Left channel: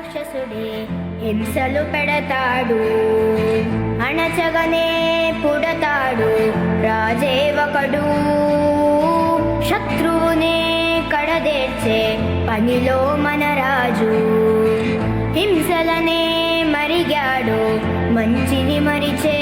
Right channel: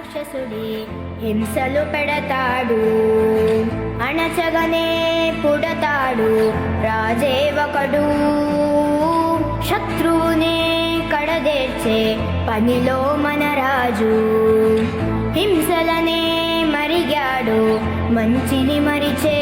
రాక్షసుడే హింసలు పెడతాడు, అణచగనే పుడతాడు రాజే ఒకడు. శత్రువునే కడదేర్చే పనిలో మన రాజు, హింసలనే మరిగాడు మంచిని మరిచే.